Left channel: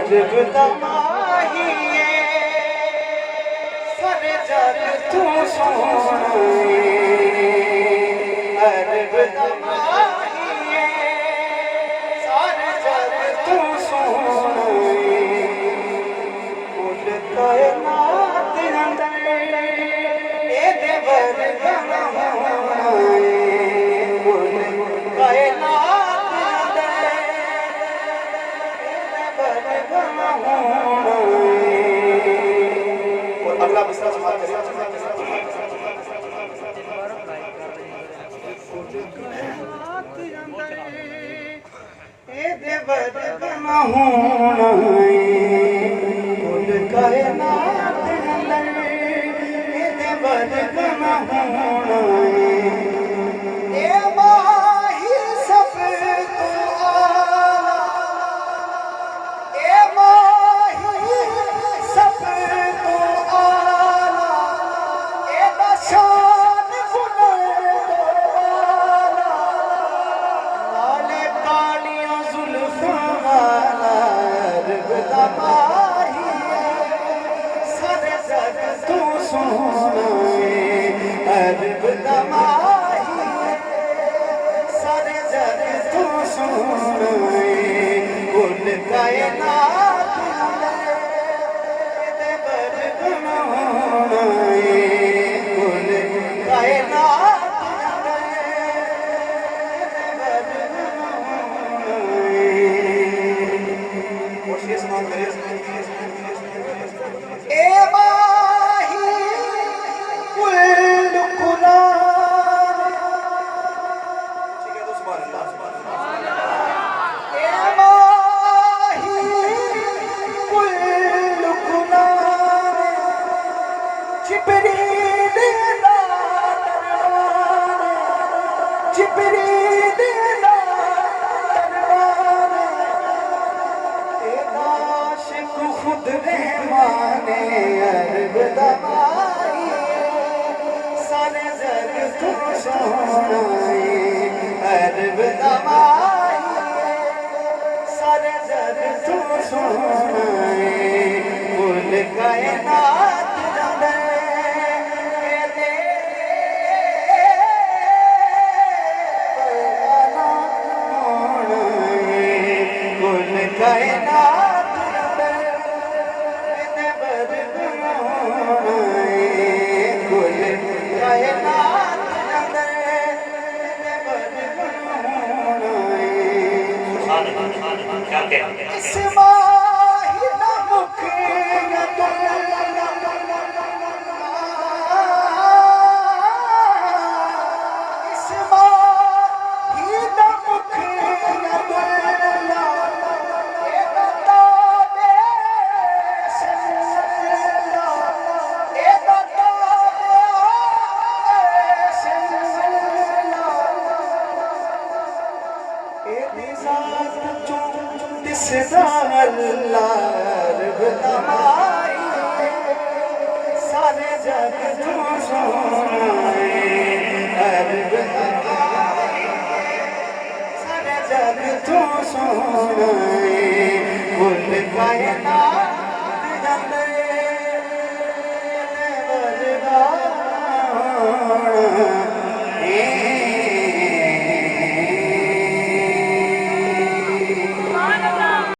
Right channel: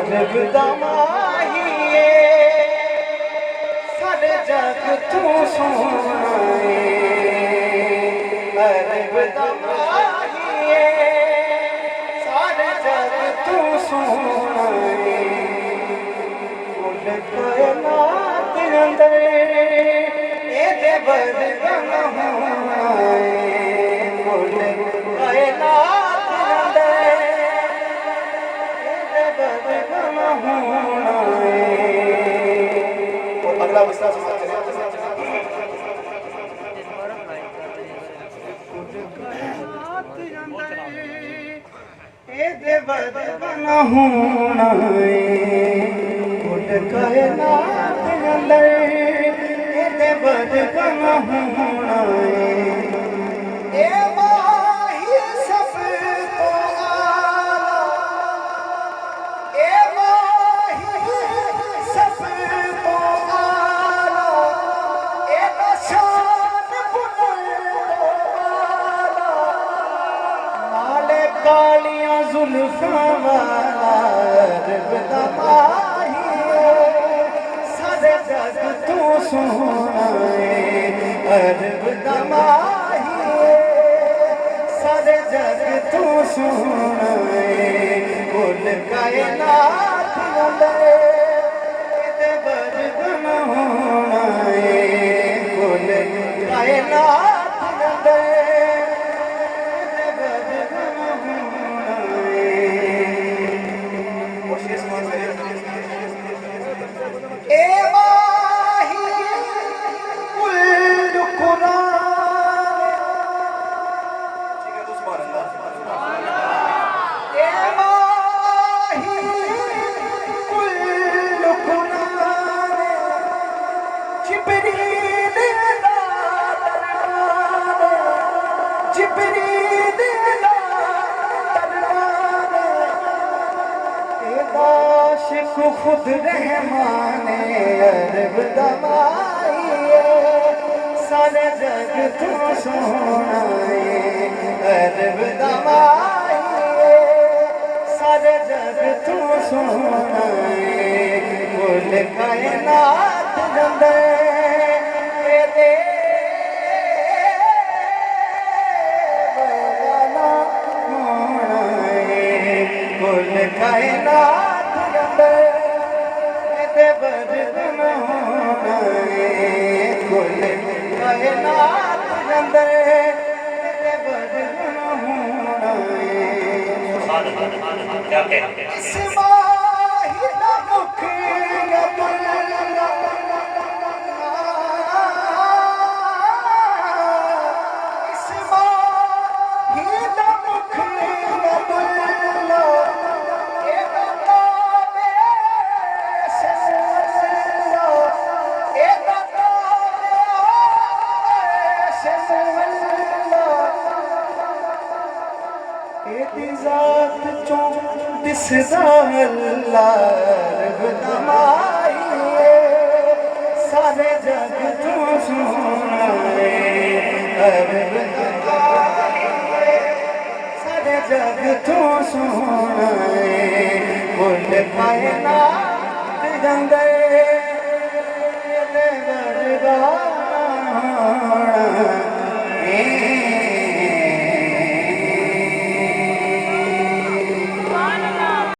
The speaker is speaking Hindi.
अजब दमाहिए सारे जग तू सोहणे अजब दमाहिए सारे जग तू सोहणे कुल कायनात अंदर एदे बरगम होणे कुल कायनात अंदर एदे बरगम होणे। और अगला मिसरा समाप्त करें। एदे बरगम होणे कुल कायनात अंदर एदे बरगम होणे। ए माही सब तो आला ए माही सब तो आला ए बशान फुलवाला नाले कालियों जुल्फां अरब दमाहिए सारे जग तू सोहणे अरब दमाहिए सारे जग तू सोहणे कुल कायनात अंदर एदे बरगम होणे कुल कायनात अंदर एदे बरगम होणे। कोशिश ना करें। ए माही कुल कुरान ठीक है तो सुभान अल्लाह। ए माही कुल कुरान जिब्रील ना दरबार जिब्रील ना दरबार ए आशिक खुद रहमाने अरब दमाहिए सारे जग तू सोहणे अरब दमाहिए सारे जग तू सोहणे कुल कायनात अंदर एदे बरगम होणे कुल कायनात अंदर एदे बरगम होणे कुल कायनात अंदर एदे बरगम होणे। इस माही दा मुख गदला इस माही दा मुख गदला ए बतावे सनवला ए बतावे सनवला एदी जात चों दिसदा अल्लाह अरब दमाहिए सारे जग तू सोहणे अरब दमाहिए सारे जग तू सोहणे कुल कायनात अंदर एदे बरगम होणे।